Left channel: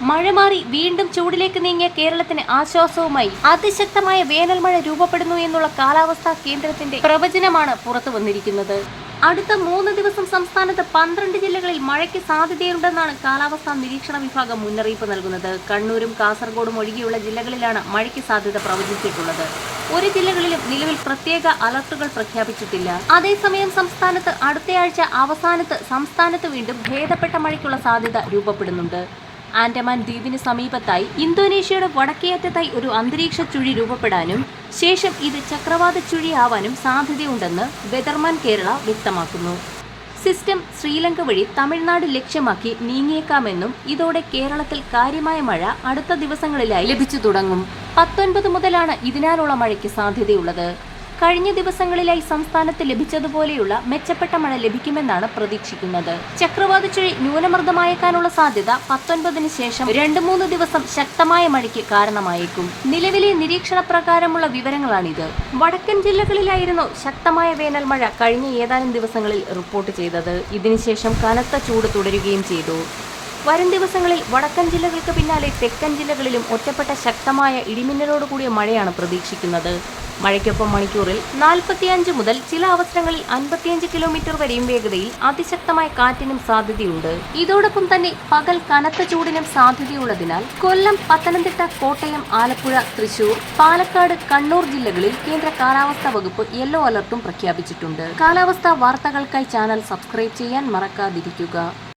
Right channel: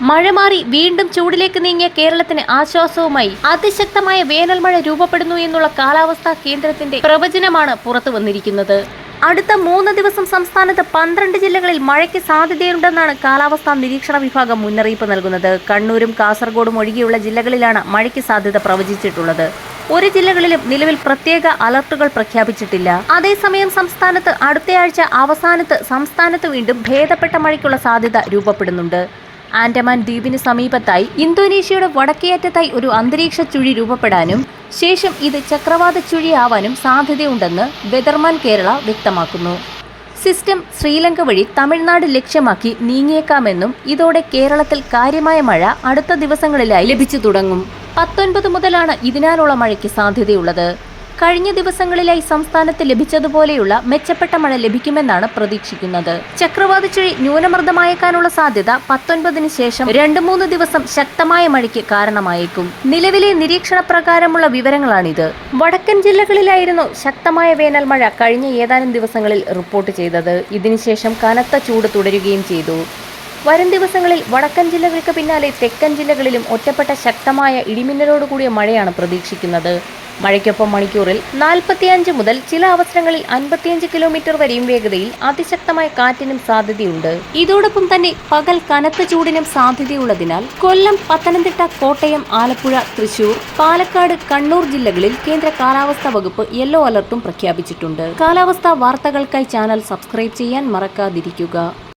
മഴ മാറി വീണ്ടും ചൂടിലേക്ക് നീങ്ങിയ കേരളത്തിന് ആശ്വാസവുമായി അതിശക്തമായ വേനൽ മഴ രൂപപ്പെടുന്നു എന്നുള്ള കാലാവസ്ഥാ കേന്ദ്രത്തിന്റെ പ്രവചനമാണ് പുറത്തു വന്നിരിക്കുന്നത്. അടുത്ത 3 ദിവസം സംസ്ഥാനത്ത് 12 ജില്ലകളിൽ മഴയ്ക്ക് സാധ്യതയുണ്ടെന്നാണ് കാലാവസ്ഥാ നിരീക്ഷണ വിഭാഗം മുന്നറിയിപ്പ് നൽകുന്നത്. കണ്ണൂരും കാസർഗോഡും ഒഴികെയുള്ള ജില്ലകളിലാണ് മഴയ്ക്ക് സാധ്യത പ്രവചിച്ചിട്ടുള്ളത്. ഒരു ജില്ലകളിലും നിലവിൽ പ്രത്യേക അലർട്ടുകൾ പ്രഖ്യാപിച്ചിട്ടില്ല. അതേസമയം സംസ്ഥാനത്ത് അടുത്തയാഴ്ച അവസാനത്ത് സംസ്ഥാനത്ത് വീണ്ടും ഭേദപ്പെട്ട മഴയ്ക്കുള്ള സാധ്യത രൂപപ്പെടുന്നുണ്ട്. ആൻഡമാൻ ദ്വീപിന് സമീപത്തായി ഇന്തോനേഷ്യയുടെ വടക്കേയറ്റത്തായി ഒരു അന്തരീക്ഷ ചുഴി രൂപപ്പെടാനും ശേഷം ഇത് ചക്രവാത ചുഴിയാവാനും സാധ്യതയുണ്ടെന്ന് വെതർമാൻ കേരള വ്യക്തമാക്കുന്നു. സിസ്റ്റം ശ്രീലങ്ക വഴി തമിഴ്നാട് ലക്ഷ്യമാക്കി നീങ്ങിയേക്കാമെന്നും ഇതോടെ കേരളത്തിൽ കാര്യമായ മഴ അടുത്ത ദിവസങ്ങളിലായി ലഭിച്ചു തുടങ്ങും. 19 മുതലാണ് ഇതിനാലുള്ള മഴയ്ക്ക് സാധ്യതയുള്ളത്. കഴിഞ്ഞ ദിവസങ്ങളിലായി സംസ്ഥാനത്ത് ലഭിച്ചതുപോലെയുള്ള മെച്ചപ്പെട്ട മഴ ലഭിക്കുമെന്നാണ് പ്രതീക്ഷിക്കുന്നത്. ചക്രവാത ചുഴി ന്യൂനമർദ്ദമായേക്കാനുള്ള സാധ്യത 19-ന് ശേഷം 2-3 ദിവസം ശക്തമായ മഴയ്ക്ക് കാരണമായേക്കും. നിലവിലെ നിരീക്ഷണ പ്രകാരമുള്ള വിവരങ്ങളാണിത്. വടക്കൻ ജില്ലകളിലായിരുന്നു ശക്തമായ വേനൽ മഴ കഴിഞ്ഞ ഏതാനും ദിവസങ്ങളിൽ റിപ്പോർട്ട് ചെയ്തത്. ഇതിനുശേഷം കനത്ത ചൂട് തുടരുകയും ചെയ്തു. വരും ദിവസങ്ങളിൽ വടക്കൻ ജില്ലകൾക്ക് പിന്നാലെ തെക്കൻ ജില്ലകളിലും ഒറ്റപ്പെട്ട ശക്തമായ ഇടിമിന്നലോടുകൂടിയ മഴയാണ് പ്രതീക്ഷിക്കുന്നത്. മഴയ്ക്കൊപ്പം മണിക്കൂറിൽ 45 മുതൽ ചില അവസരങ്ങളിൽ 55 കിലോമീറ്റർ വരെയും വേഗതയിൽ അതിശക്തമായ കാറ്റിനും സാധ്യതയുണ്ട്. ഇതോടൊപ്പം തന്നെ പകൽ കനത്ത ചൂടിനും സാധ്യതയുള്ളതിനാൽ കൊല്ലം, പത്തനംതിട്ട, കോട്ടയം, ആലപ്പുഴ, തൃശൂർ, പാലക്കാട്, കണ്ണൂർ ജില്ലകളിൽ കേന്ദ്ര കാലാവസ്ഥാ വകുപ്പ് യെല്ലോ അലർട്ടും പ്രഖ്യാപിച്ചിട്ടുണ്ട്. കാലാവസ്ഥാ വാർത്തകൾക്കായി ചാനൽ സബ്സ്ക്രൈബ് ചെയ്യാൻ മറക്കാതിരിക്കുക.